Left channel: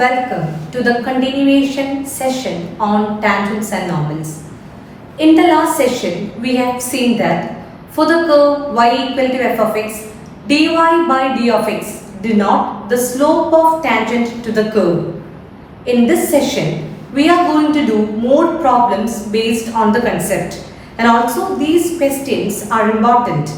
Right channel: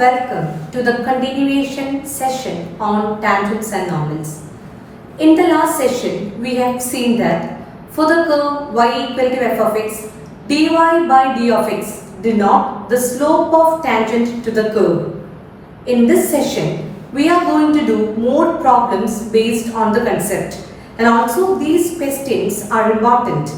welcome to the continuation session on tangents and normals. In the last session, we have seen that for the curve y equal to f of x, dy by d of x denote the slope of tangent to the curve. In this session, we are going to do more problems based on the concept, and also these questions are important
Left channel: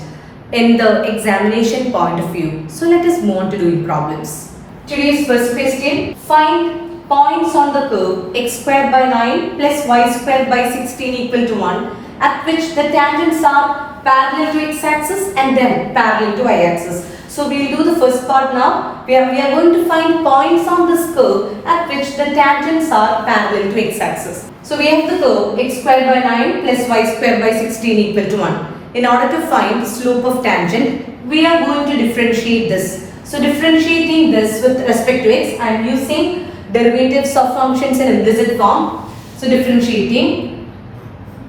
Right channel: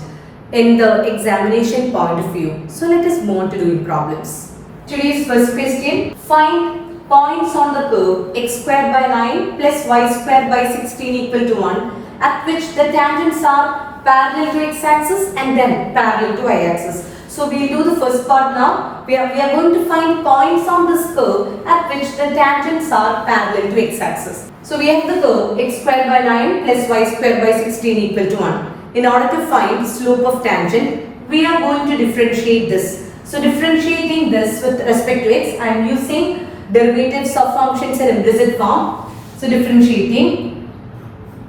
in the examination point of view. So let us move on to doing problems. Today's first question, find points on the curve x squared by 9 plus y squared by 16 equal to 1 at which the tangents are parallel to x-axis and then parallel to y-axis. So we will do the first part now. We are going to find points on this curve at which the tangents are parallel to x-axis. So we have the curve x squared by 9 plus y squared by 16 equal to 1. In order to find the slope of tangent, we are going to differentiate this. So differentiating this with respect to x, I am using derivatives of functions in implicit form. So differentiating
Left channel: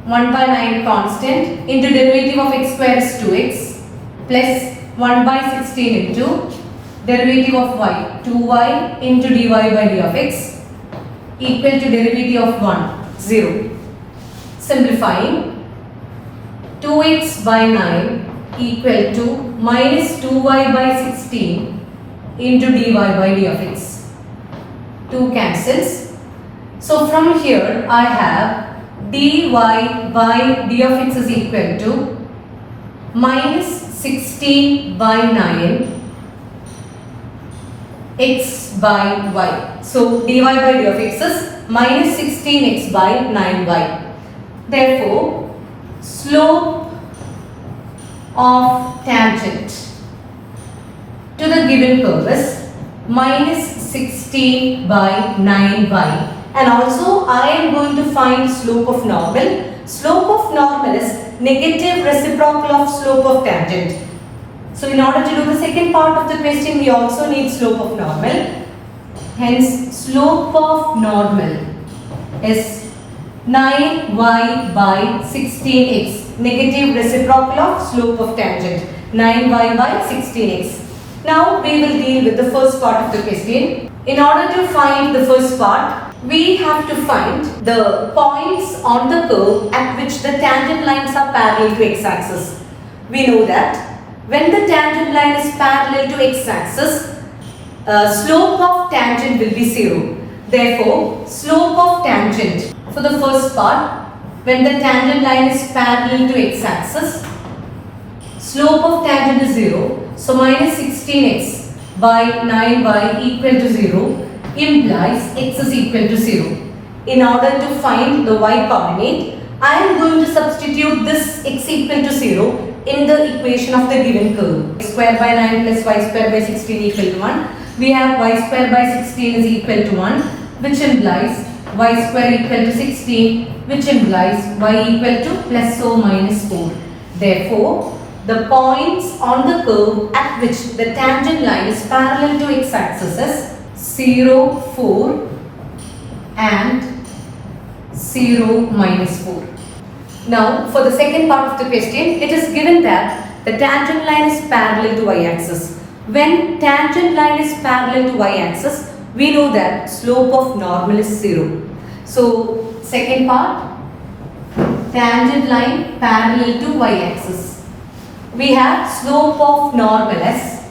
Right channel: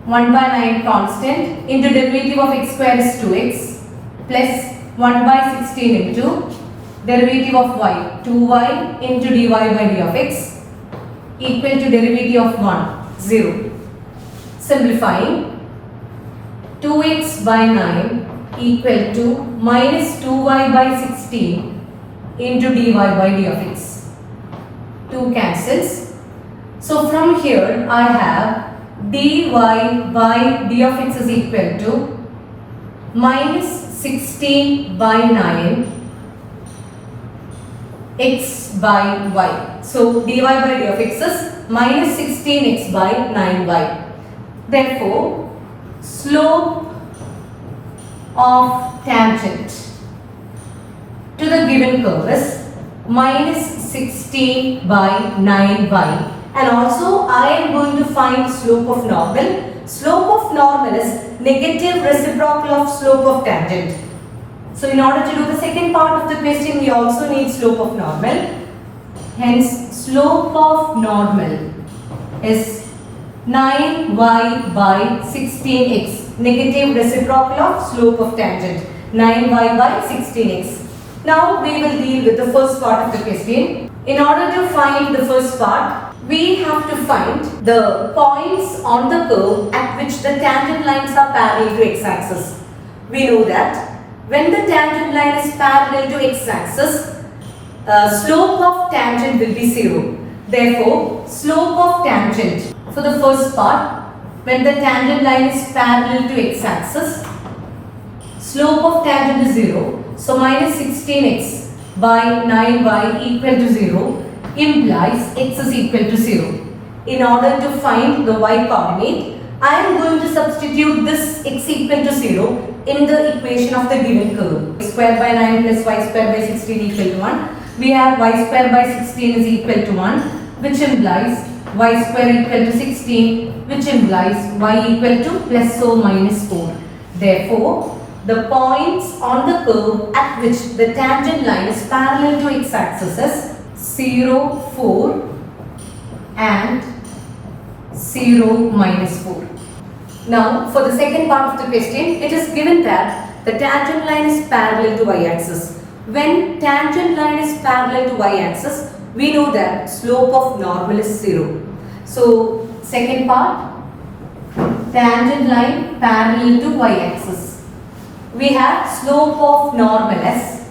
1 by 9 constant into derivative of x square is 2x plus 1 by 16 into derivative of y, 2y into dy by d of x equal to derivative of 1, 0. Simplifying, 2x by 9 equal to minus 2y by 16 into dy by d of x. 2 cancels. So from here I have dy by d of x is equal to minus 16 by 9 x by y. So dy by d of x is minus 16x by 9y. Therefore, slope of tangent to the given curve is minus 16 by 9y, and also I am going to find slope of normal. Slope of normal is negative reciprocal of slope of tangent. So in order to do the second part of the question, we also need slope of normal. Hence, slope of normal is 9y by 16x, negative reciprocal of slope of tangent, 9y by 16x. Now we will deal with the first part of the question. In order to find the first part, we have to find the points on the curve at which the tangent lines are parallel to x-axis. We know that when the tangent line is parallel to x-axis, slope of tangent will be 0. Therefore, slope of tangent for the first part, when the tangent line is parallel to x-axis, slope of tangent is 0. So minus 16x by 9y equal to 0 implies x is equal to 0. In order to find the y coordinate, I am going to substitute this x equal to 0 in the equation of the given curve. X square by 9 plus y square by 16 equal to 1. We have y square by 16 is equal to 1, which implies y square equal to 16, which implies y equal to plus or minus 4. Therefore, the points on the curve at which the tangent line is parallel to x-axis is 0, 4 and 0, minus 4. Now, for the second part of the question, it is given that the tangent line is parallel to y-axis. When tangent line is parallel to y-axis, we know that slope of normal is 0. So, second part, tangent line parallel to y-axis. We have slope of normal as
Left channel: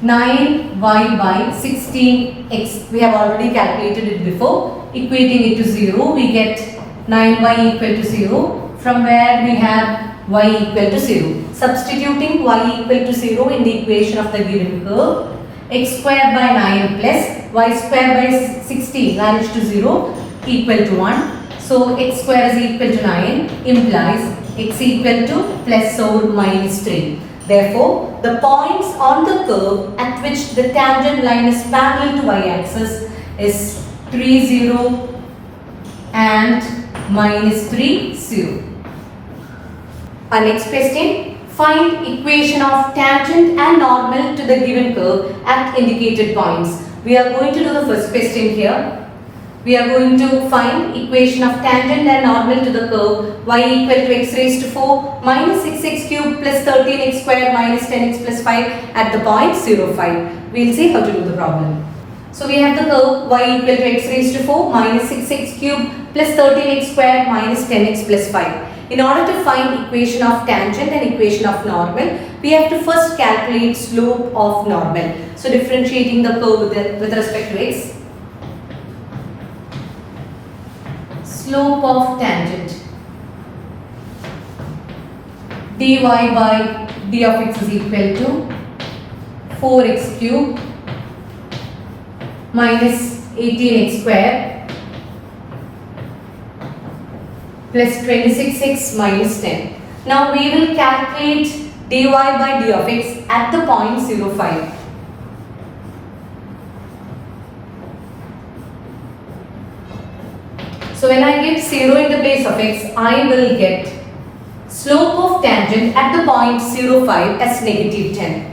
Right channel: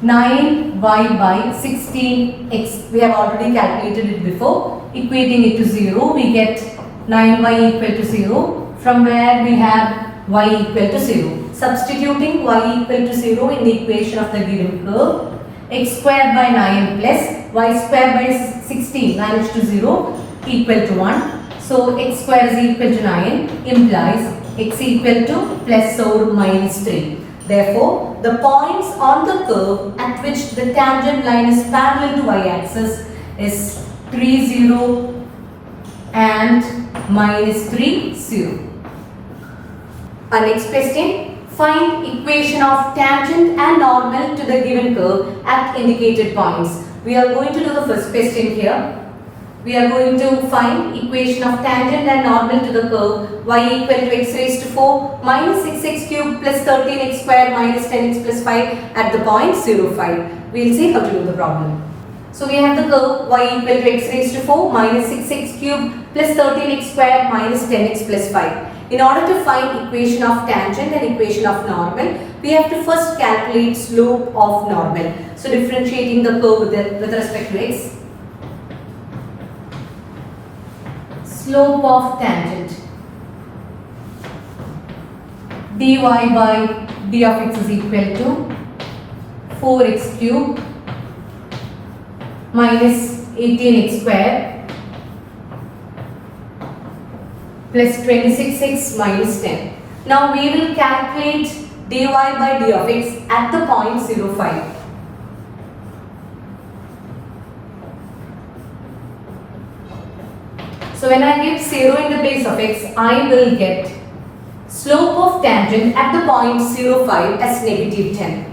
9y by 16x. We have already calculated it before. Equating it to 0, we get 9y equal to 0, from where we have y equal to 0. Substituting y equal to 0 in the equation of the given curve, x squared by 9 plus y squared by 16 vanished to 0 equal to 1. So x square is equal to 9 implies x equal to plus or minus 3. Therefore, the points on the curve at which the tangent line is parallel to y-axis is 3, 0 and minus 3, 0. Our next question, find equation of tangent and normal to the given curve at indicated points. We are going to do the first question here. We are going to find equation of tangent and normal to the curve y equal to x raised to 4 minus 6x cubed plus 13x squared minus 10x plus 5 at the point 0, 5. We will see how to do the problem. So we have the curve y equal to x raised to 4 minus 6x cubed plus 13x square minus 10x plus 5. In order to find equation of tangent and equation of normal, we have to first calculate slope of normal. So differentiating the curve with respect to x. Slope of tangent. dy by d of x is equal to 4x cubed minus 18x square plus 26x minus 10. Now we will calculate dy by d of x at the point 0, 5. So when I give 0 in the place of x, I will get slope of tangent at the point 0, 5 as negative 10.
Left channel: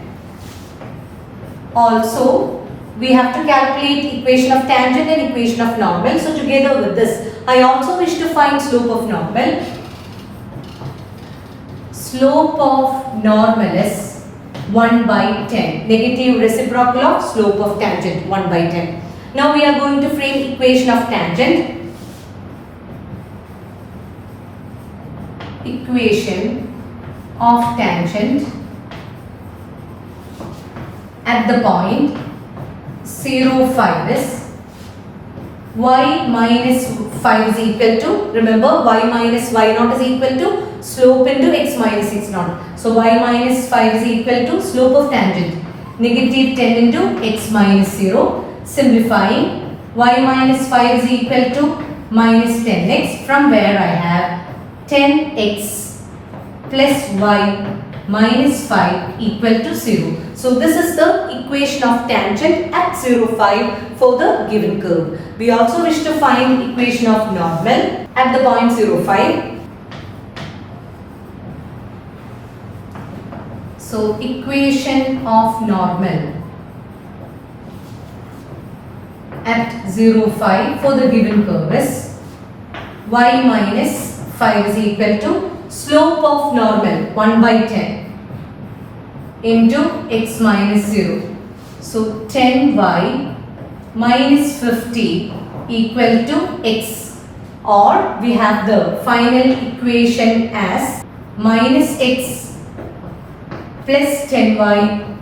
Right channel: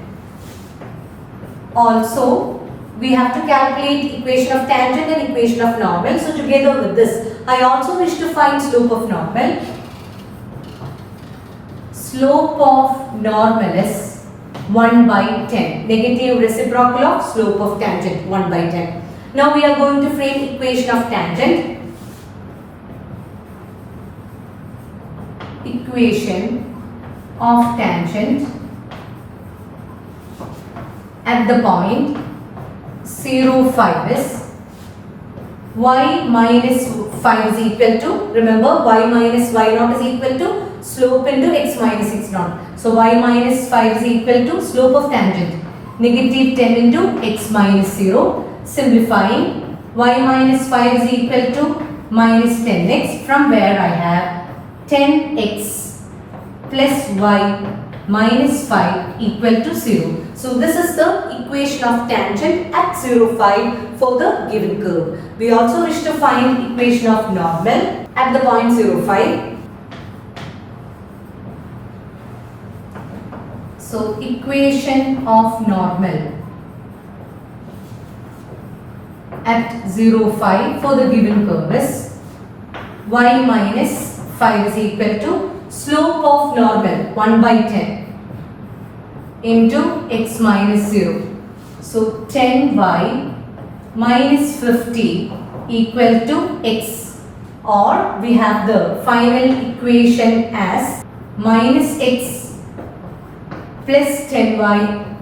Also, we have to calculate equation of tangent and equation of normal. So together with this, I also wish to find slope of normal. Slope of normal is 1 by 10. Negative reciprocal of slope of tangent 1 by 10. Now we are going to frame equation of tangent. Equation of tangent at the point 0, 5 is y minus 5 is equal to, remember y minus y naught is equal to slope into x minus x naught. So y minus 5 is equal to slope of tangent negative 10 into x minus 0. Simplifying, y minus 5 is equal to minus 10x, from where I have 10x plus y minus 5 equal to 0. So this is the equation of tangent at 0, 5 for the given curve. We also wish to find equation of normal at the point 0, 5. So equation of normal at 0, 5 for the given curve is y minus 5 is equal to slope of normal 1 by 10 into x minus 0. So 10y minus 50 equal to x, or we have the final equation as minus x plus 10y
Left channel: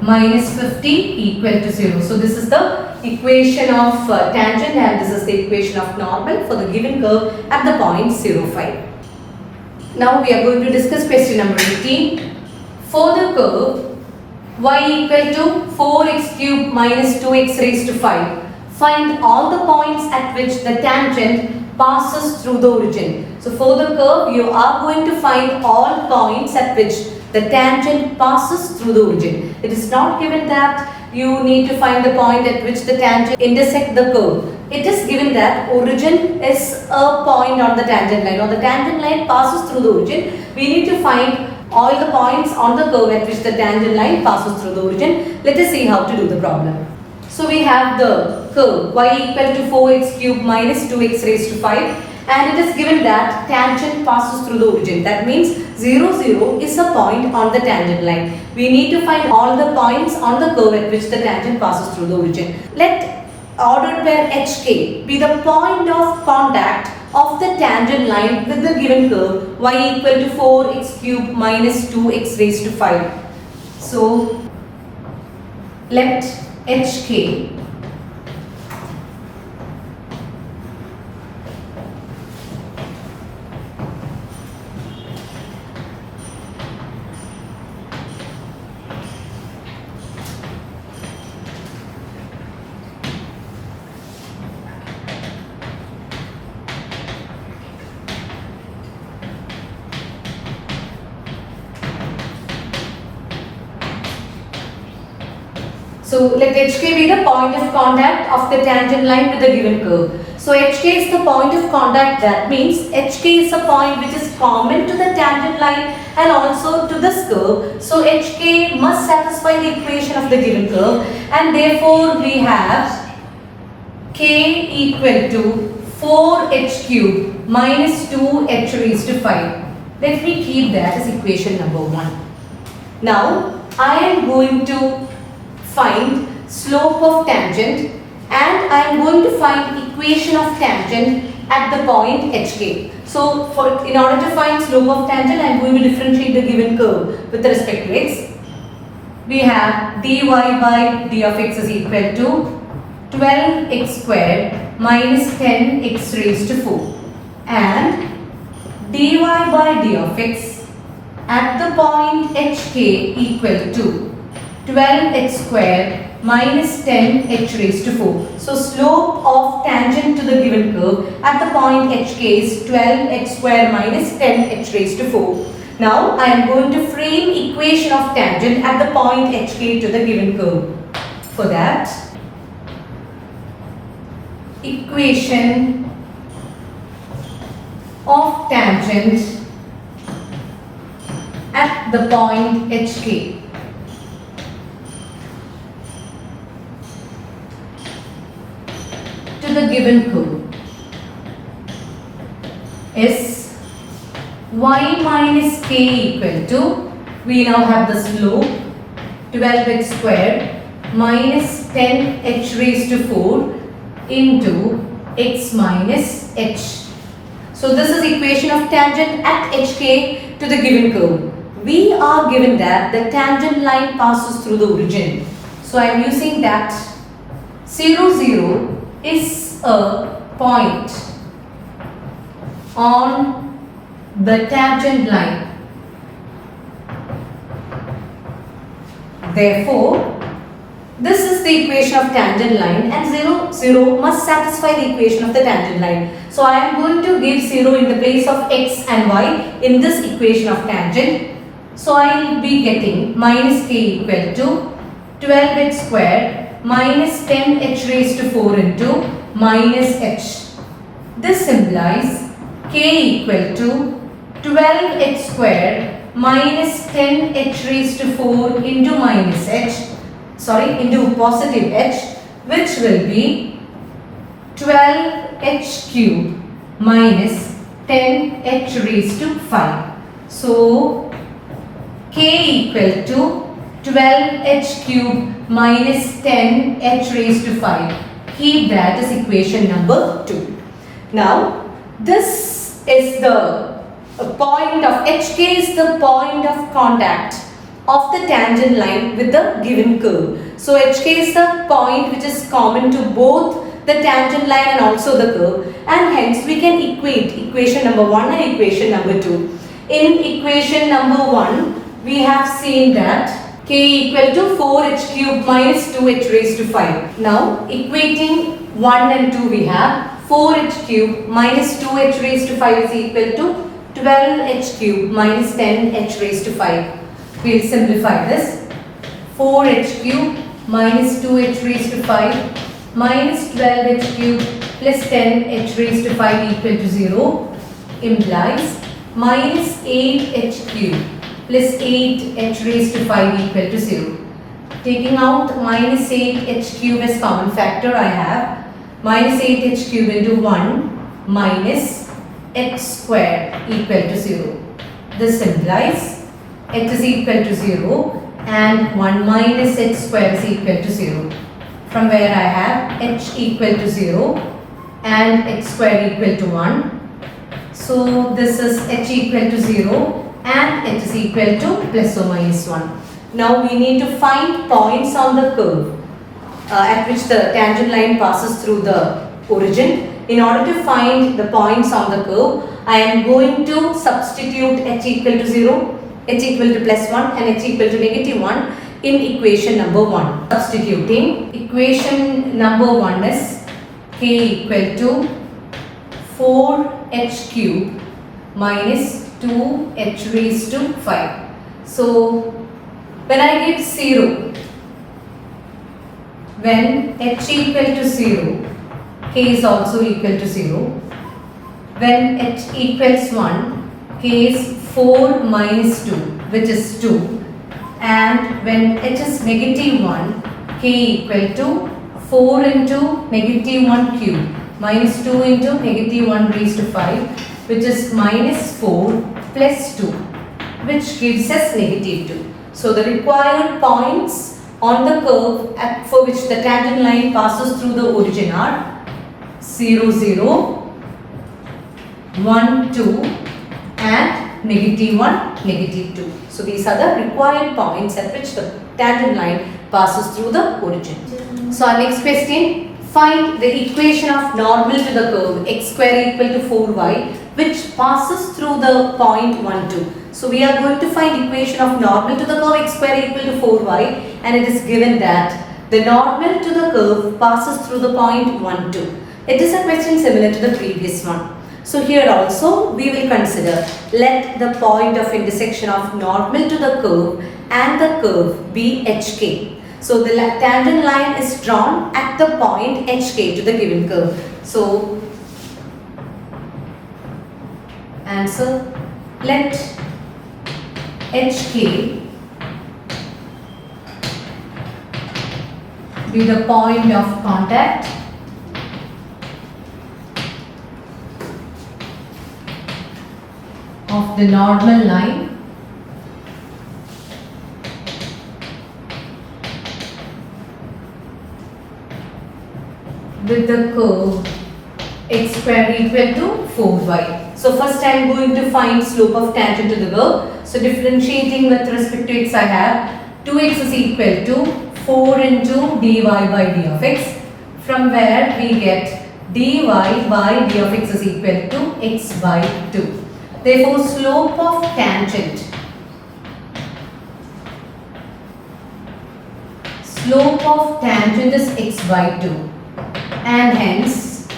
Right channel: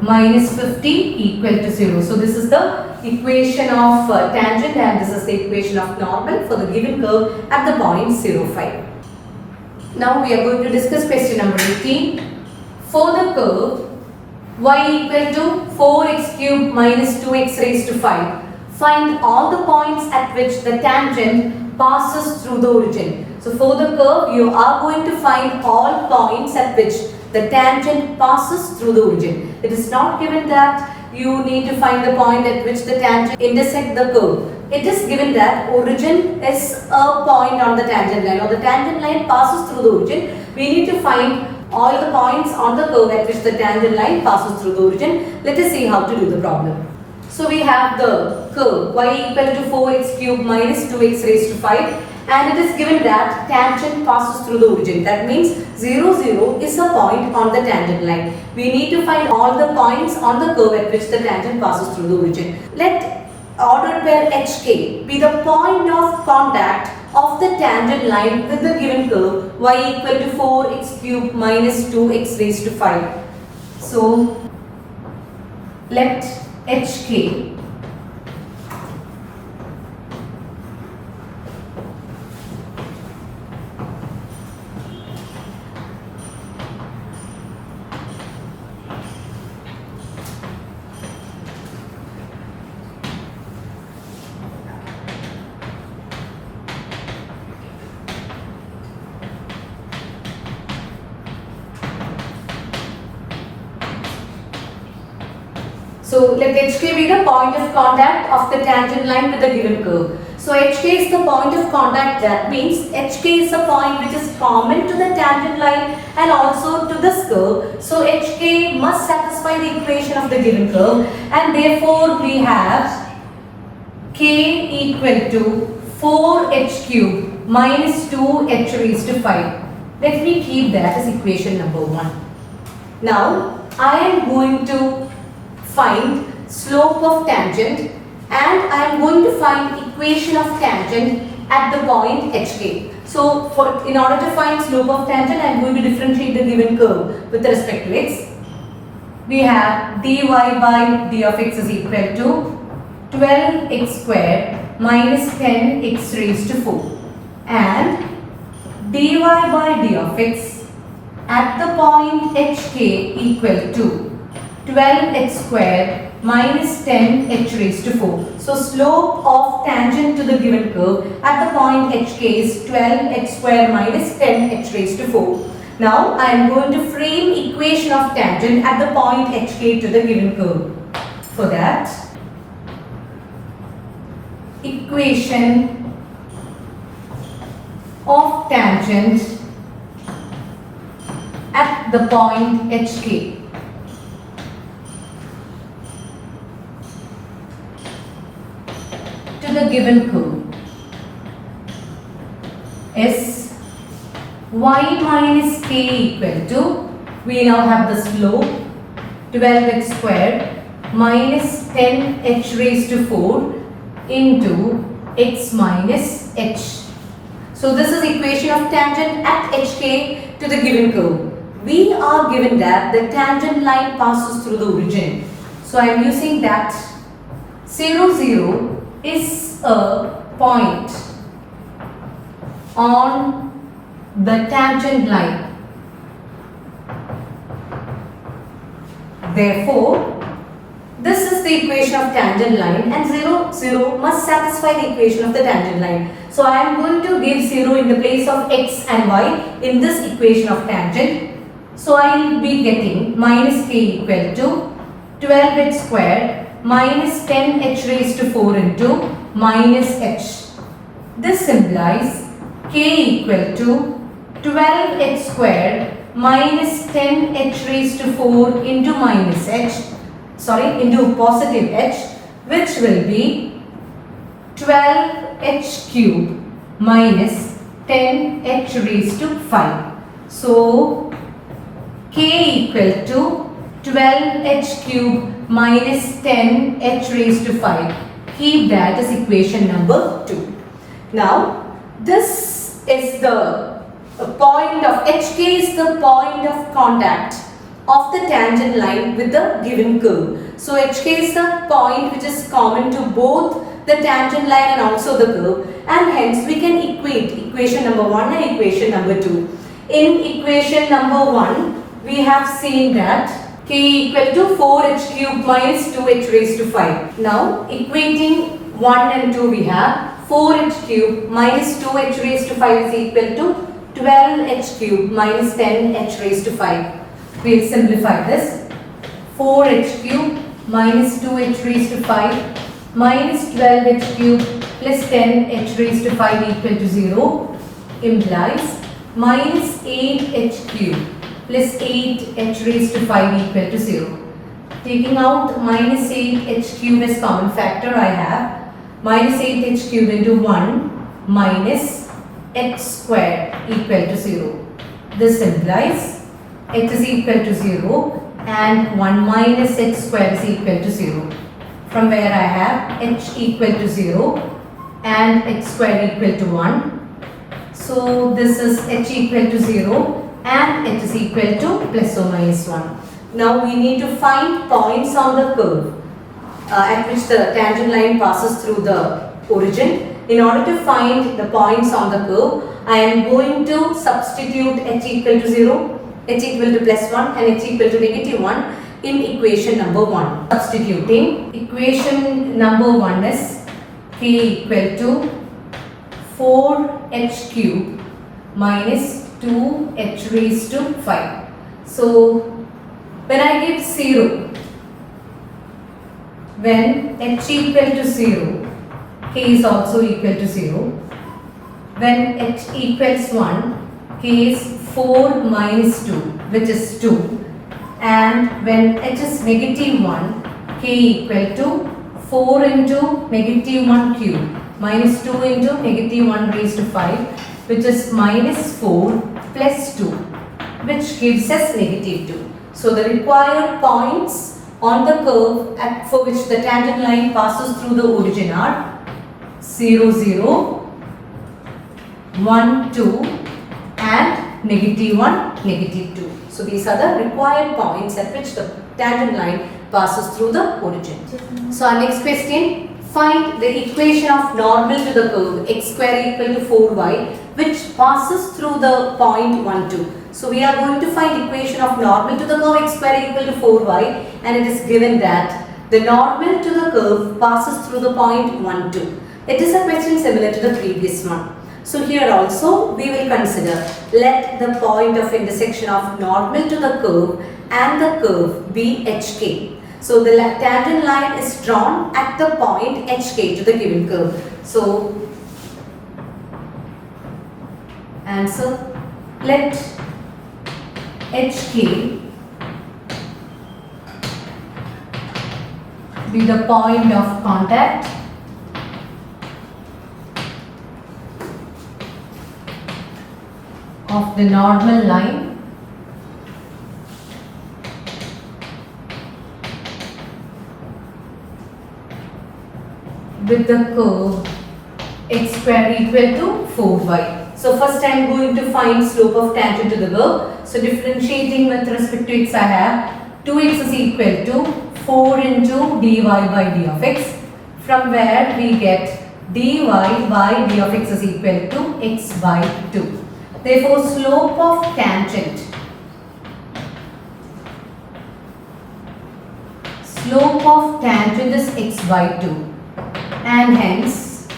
minus 50 equal to 0. So this is the equation of tangent and this is the equation of normal for the given curve at the point 0, 5. Now we are going to discuss question number 18. For the curve y equal to 4x cubed minus 2x raised to 5, find all the points at which the tangent passes through the origin. So for the curve, you are going to find all points at which the tangent passes through the origin. It is not given that you need to find the point at which the tangent intersect the curve. It is given that origin is a point on the tangent line, or the tangent line passes through the origin. We need to find all the points on the curve at which the tangent line passes through the origin. Let us see how to do the problem. So we have the curve y equal to 4x cubed minus 2x raised to 5, and it is given that tangent passes through the origin. That means 0, 0 is a point on the tangent line. We need to find all the points on the curve at which the tangent passes through the origin. Let ordered pair HK be the point of contact of the tangent line with the given curve y equal to 4x cubed minus 2x raised to 5. So let HK So let HK be the point of contact of the tangent line with the given curve. So HK is the point of contact. That means HK is a point which is common to the tangent line and also to this curve. So HK must satisfy the equation of the given curve, and therefore we have K equal to 4h cubed minus 2h raised to 5. Let me keep that as equation number 1. Now I am going to find slope of tangent and I am going to find equation of tangent at the point HK. So in order to find slope of tangent, I am going to differentiate the given curve with respect to x. We have dy by d of x is equal to 12x squared minus 10x raised to 4, and dy by d of x at the point HK equal to 12x squared minus 10h raised to 4. So slope of tangent to the given curve at the point HK is 12h squared minus 10h raised to 4. Now I am going to frame equation of tangent at the point HK to the given curve. For that, equation of tangent at the point HK. To the given curve is y minus k equal to, we now have the slope 12x squared minus 10h raised to 4 into x minus h. So this is equation of tangent at HK to the given curve. We are given that the tangent line passes through the origin. So I am using that 0, 0 is a point on the tangent line. Therefore, this is the equation of tangent line, and 0, 0 must satisfy the equation of the tangent line. So I am going to give 0 in the place of x and y in this equation of tangent. So I will be getting minus k equal to 12h squared minus 10h raised to 4 into minus h. This implies k equal to 12h squared minus 10h raised to 4 into minus h, into positive h, which will be 12h cube minus 10h raised to 5. So k equal to 12h cube minus 10h raised to 5. Keep that as equation number 2. Now this is the point of HK is the point of contact of the tangent line with the given curve. So HK is the point which is common to both the tangent line and also the curve, and hence we can equate equation number 1 and equation number 2. In equation number 1, we have seen that k equal to 4h cube minus 2h raised to 5. Now equating 1 and 2, we have 4h cube minus 2h raised to 5 is equal to 12h cube minus 10h raised to 5. We will simplify this. 4h cube minus 2h raised to 5 minus 12h cube plus 10h raised to 5 equal to 0 implies minus 8h cube plus 8h raised to 5 equal to 0. Taking out minus 8h cube as common factor, I have minus 8h cube into 1 minus h squared equal to 0. This implies h is equal to 0 and 1 minus h squared is equal to 0. From where I have h equal to 0 and h squared equal to 1. So this is h equal to 0 and h is equal to plus or minus 1. Now we need to find points on the curve at which the tangent line passes through the origin. In order to find the points on the curve, I am going to substitute h equal to 0, h equal to plus 1 and h equal to negative 1 in equation number 1. Substituting, equation number 1 is k equal to 4h cube minus 2h raised to 5. So when I give 0, when h equal to 0, k is also equal to 0. When h equals 1, k is 4 minus 2, which is 2. And when h is negative 1, k equal to 4 into negative 1 cube minus 2 into negative 1 raised to 5, which is minus 4 plus 2, which gives us negative 2. So the required points on the curve for which the tangent line passes through the origin are 0, 0, 1, 2 and negative 1, negative 2. So these are the required points at which the tangent line passes through the origin. So our next question, find the equation of normal to the curve x square equal to 4y which passes through the point 1, 2. So we are going to find equation of normal to the curve x square equal to 4y, and it is given that the normal to the curve passes through the point 1, 2. It is a question similar to the previous one. So here also we will consider, let the point of intersection of normal to the curve and the curve be HK. So the tangent line is drawn at the point HK to the given curve. So answer, let HK be the point of contact of the normal line with the curve x square equal to 4y. So first I am going to find slope of tangent to the curve. So differentiating with respect to x, I have 2x is equal to 4 into dy by d of x, from where we get dy by d of x is equal to x by 2. Therefore, slope of tangent is x by 2, and hence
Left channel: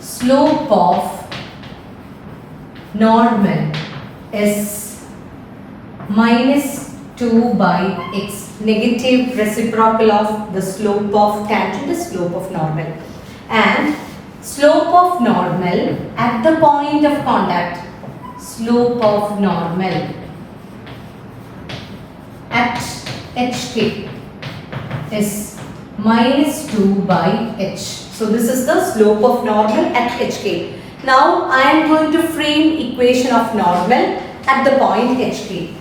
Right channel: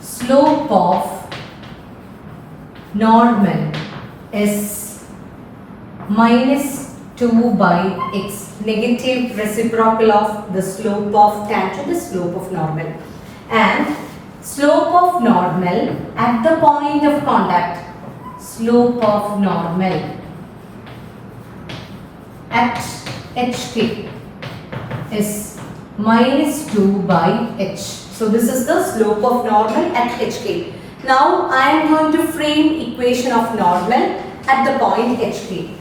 slope of normal is minus 2 by x. Negative reciprocal of the slope of tangent is slope of normal, and slope of normal at the point of contact, slope of normal at HK is minus 2 by h. So this is the slope of normal at HK. Now I am going to frame equation of normal at the point HK.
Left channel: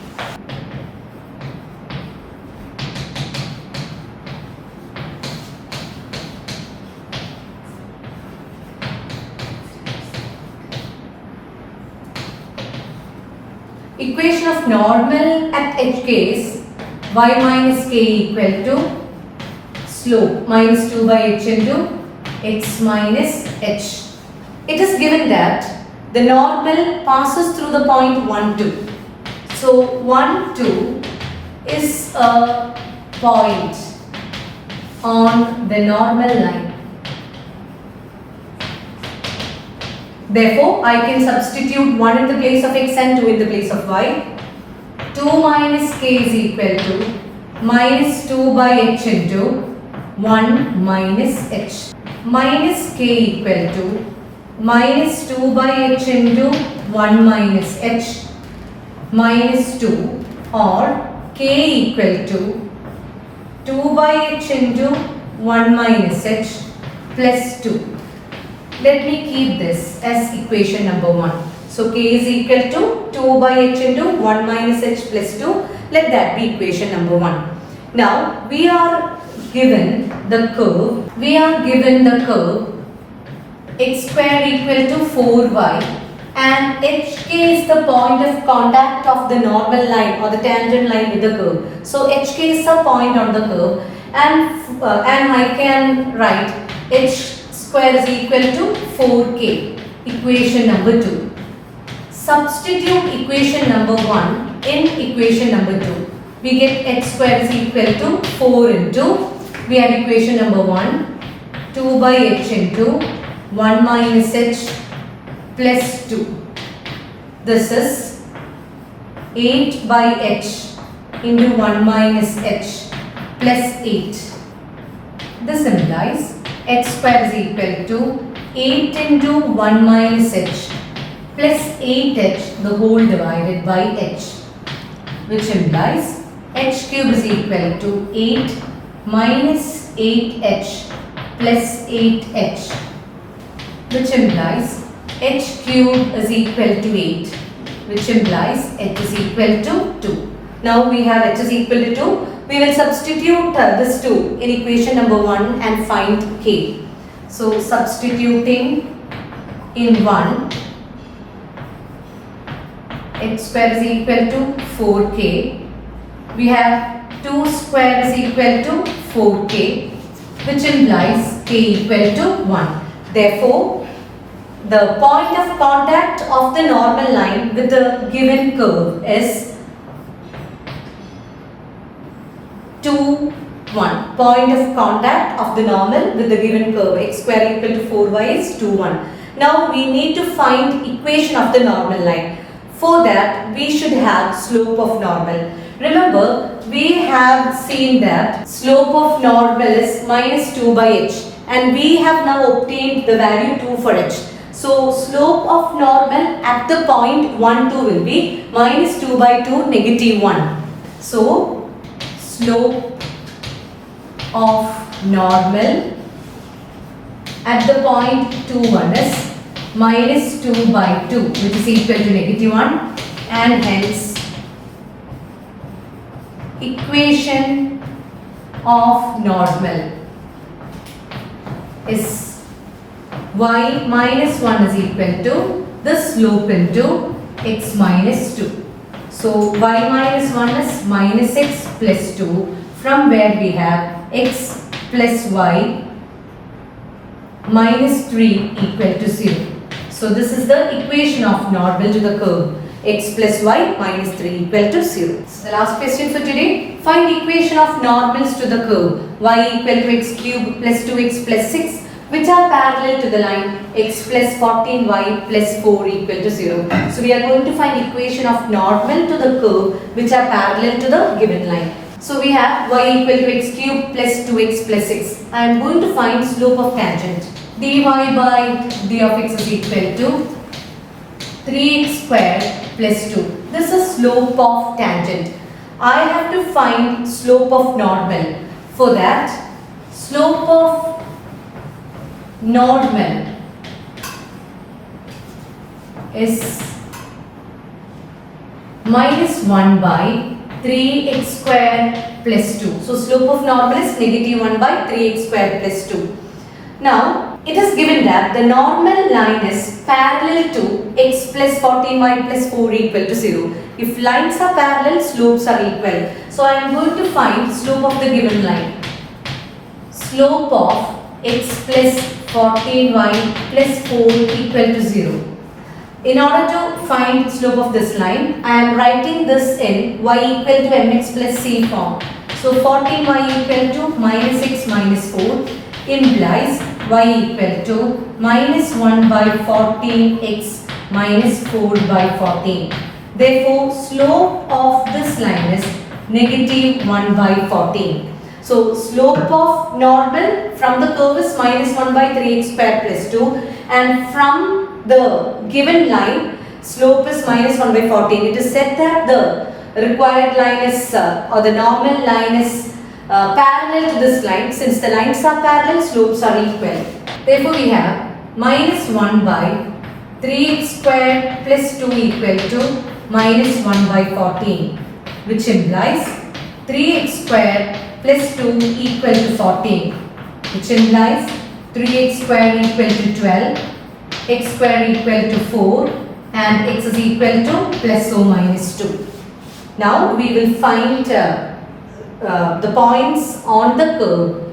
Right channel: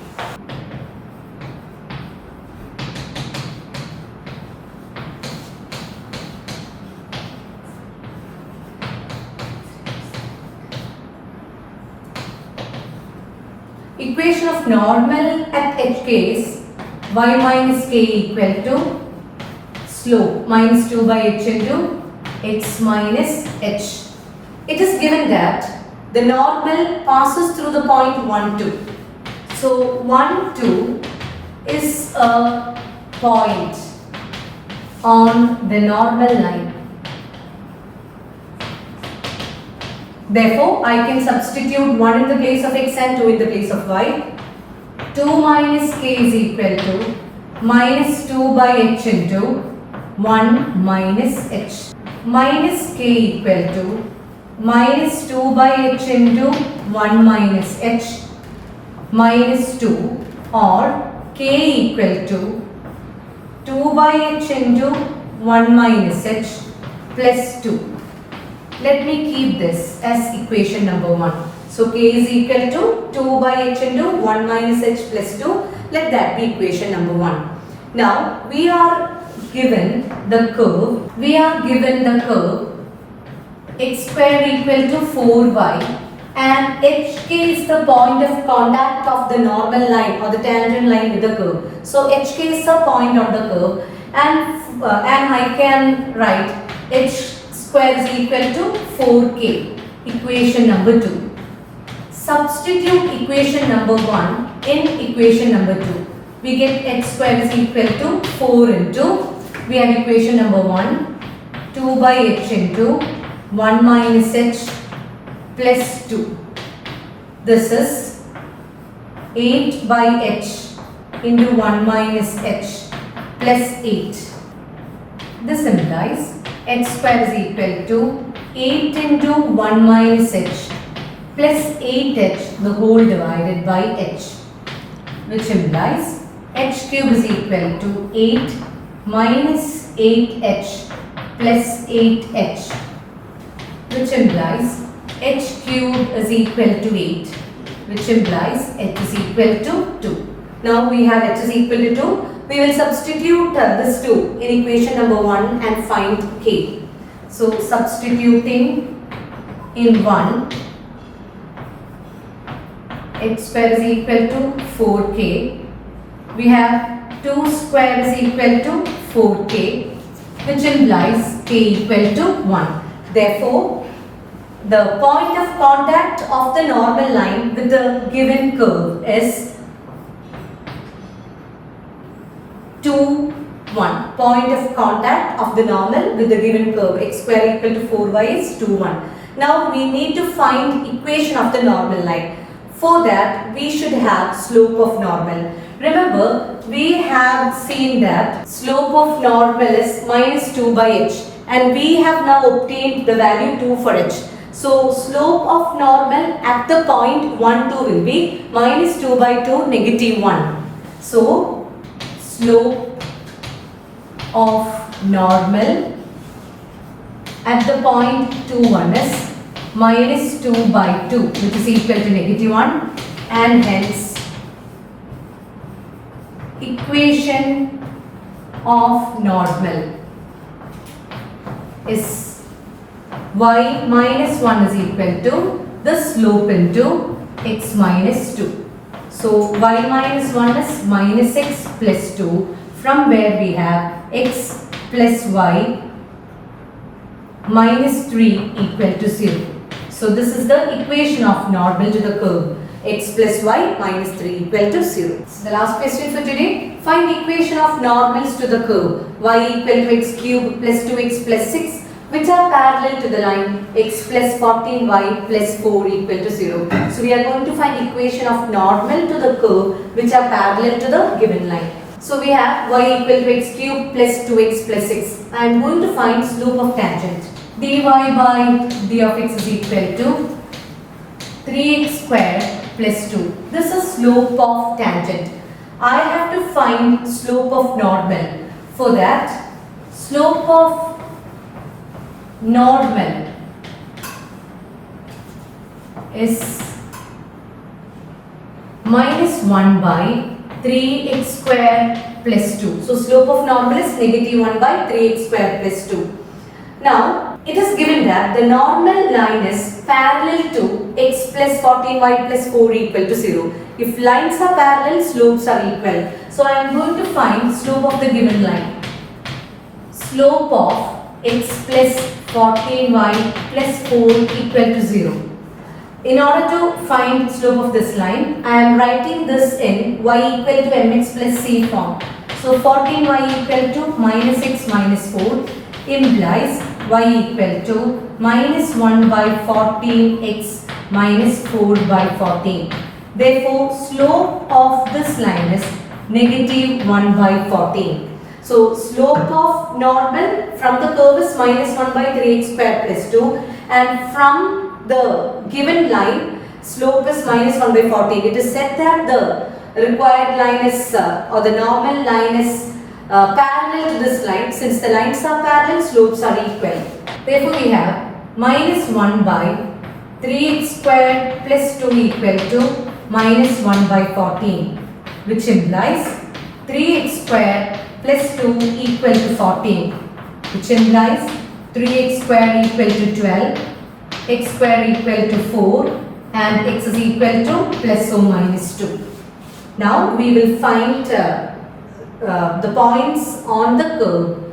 Equation of normal at HK is y minus k equal to slope minus 2 by h into x minus h. It is given that the normal passes through the point 1, 2. So 1, 2 is a point on the normal line. Therefore, I can substitute 1 in the place of x and 2 in the place of y. 2 minus k is equal to minus 2 by h into 1 minus h. Minus k equal to minus 2 by h into 1 minus h minus 2, or k equal to 2 by h into 1 minus h plus 2. Let me keep this as equation number 1. So k is equal to 2 by h into 1 minus h plus 2. Let that be equation number 1. Now we are given the curve. X square equal to 4y, and HK is the point of contact of the normal line or the tangent line with the curve. So HK is a point on the curve, and I can write h square is equal to 4k. Equation number 2. Substitute equation number 1 in equation number 2. We get h square is equal to 4 into, we have equation number 1, 2 by h into 1 minus h plus 2. This is 8 by h into 1 minus h plus 8. This implies h square is equal to 8 into 1 minus h plus 8h the whole divided by h, which implies h cube is equal to 8 minus 8h plus 8h, which implies h cube is equal to 8, which implies h is equal to 2. Now we have h is equal to 2. we will substitute this 2 in equation number 1 and find k. So substituting in 1, x square is equal to 4k. We have 2 square is equal to 4k, which implies k equal to 1. Therefore, the point of contact of the normal line with the given curve is 2, 1. Point of contact of the normal with the given curve x square equal to 4y is 2, 1. Now we need to find equation of the normal line. For that, we should have slope of normal. Remember, we have seen that slope of normal is minus 2 by h, and we have now obtained the value 2 for h. So slope of normal at the point 1, 2 will be minus 2 by 2 negative 1. So slope of normal at the point 2, 1 is minus 2 by 2, which is equal to negative 1, and hence equation of normal is y minus 1 is equal to the slope into x minus 2. So y minus 1 is minus x plus 2, from where we have x plus y minus 3 equal to 0. So this is the equation of normal to the curve, x plus y minus 3 equal to 0. So the last question for today, find equation of normals to the curve y equal to x cube plus 2x plus 6, which are parallel to the line x plus 14y plus 4 equal to 0. So we are going to find equation of normal to the curve which are parallel to the given line. So we have y equal to x cube plus 2x plus 6. I am going to find slope of tangent. dy by d of x is equal to 3x square plus 2. This is slope of tangent. I have to find slope of normal. For that, slope of normal is minus 1 by 3x square plus 2. So slope of normal is negative 1 by 3x square plus 2. Now, it is given that the normal line is parallel to x plus 14y plus 4 equal to 0. If lines are parallel, slopes are equal. So I am going to find slope of the given line. Slope of x plus 14y plus 4 equal to 0. In order to find slope of this line, I am writing this in y equal to mx plus c form. So 14y equal to minus x minus 4 implies y equal to minus 1 by 14x minus 4 by 14. Therefore, slope of this line is negative 1 by 14. So, slope of normal from the curve is minus 1 by 3x square plus 2, and from the given line, slope is minus 1 by 14. It is said that the required line is or the normal line is parallel to this line. Since the lines are parallel, slopes are equal. Therefore, we have minus 1 by 3x square plus 2 equal to minus 1 by 14, which implies 3x square plus 2 equal to 14, which implies 3x square equal to 12, x square equal to 4, and x is equal to plus or minus 2. Now, we will find the points on the curve,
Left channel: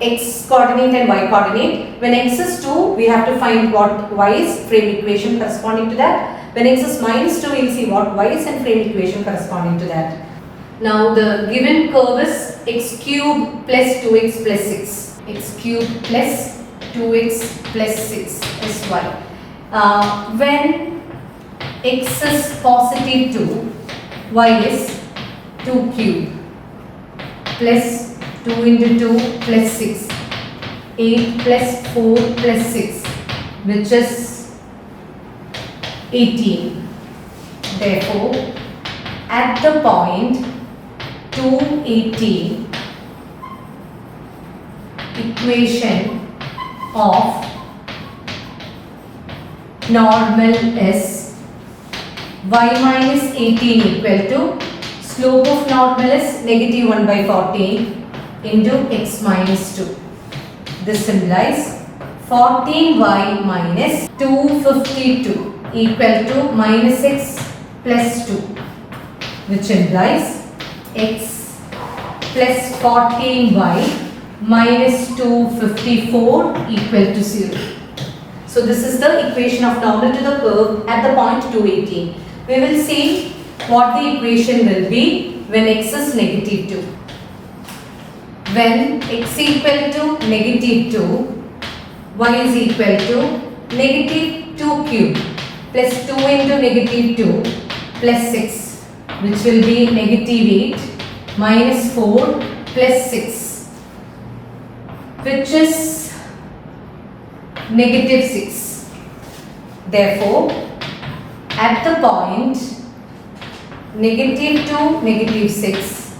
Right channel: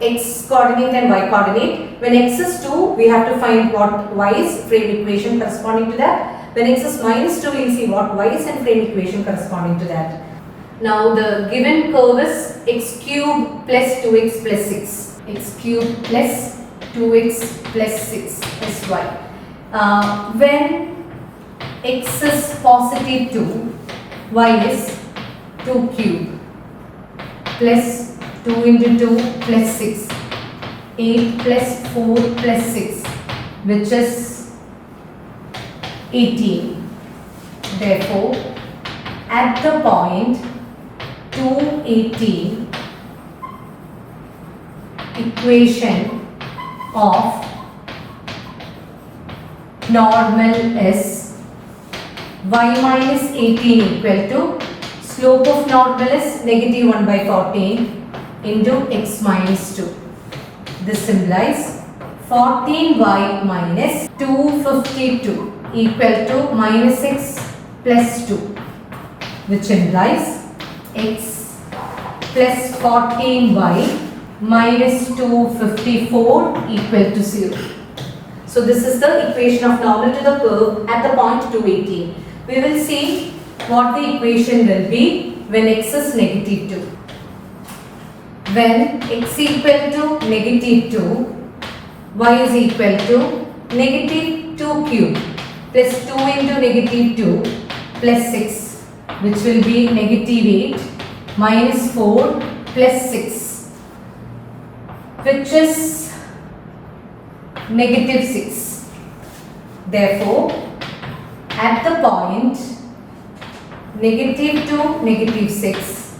x coordinate and y coordinate. When x is 2, we have to find what y is, frame equation corresponding to that. When x is minus 2, we will see what y is and frame equation corresponding to that. Now the given curve is x cube plus 2x plus 6. X cube plus 2x plus 6 is y. When x is positive 2, y is 2 cube plus 2 into 2 plus 6, 8 plus 4 plus 6, which is 18. Therefore, at the point 2, 18, equation of normal is y minus 18 equal to slope of normal is negative 1 by 14 into x minus 2. This implies 14y minus 252 equal to minus x plus 2, which implies x plus 14y minus 254 equal to 0. So this is the equation of normal to the curve at the point 218. We will see what the equation will be when x is negative 2. When x equal to negative 2, y is equal to negative 2 cube plus 2 into negative 2 plus 6, which will be negative 8 minus 4 plus 6, which is negative 6. Therefore, at the point negative 2, negative 6,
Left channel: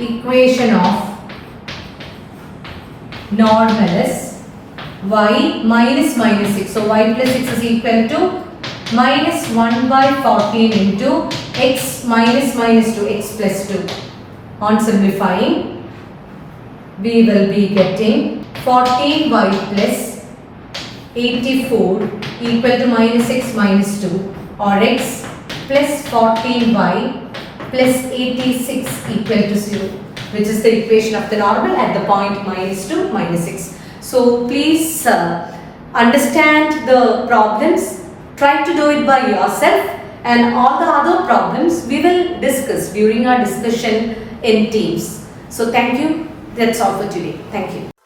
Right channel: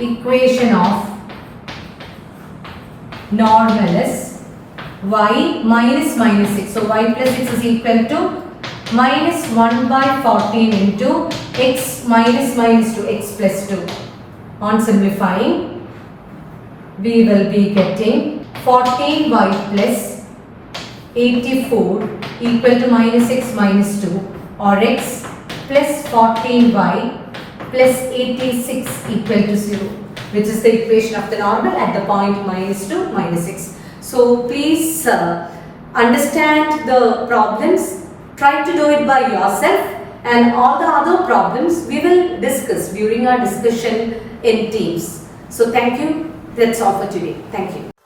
equation of normal is y minus minus 6. So, y plus 6 is equal to minus 1 by 14 into x minus minus 2, x plus 2. On simplifying, we will be getting 14y plus 84 equal to minus x minus 2, or x plus 14y plus 86 equal to 0, which is the equation of the normal at the point minus 2, minus 6. So please understand the problems, try to do it by yourself, and all the other problems we will discuss during our discussion in teams. So thank you. That's all for today. Thank you.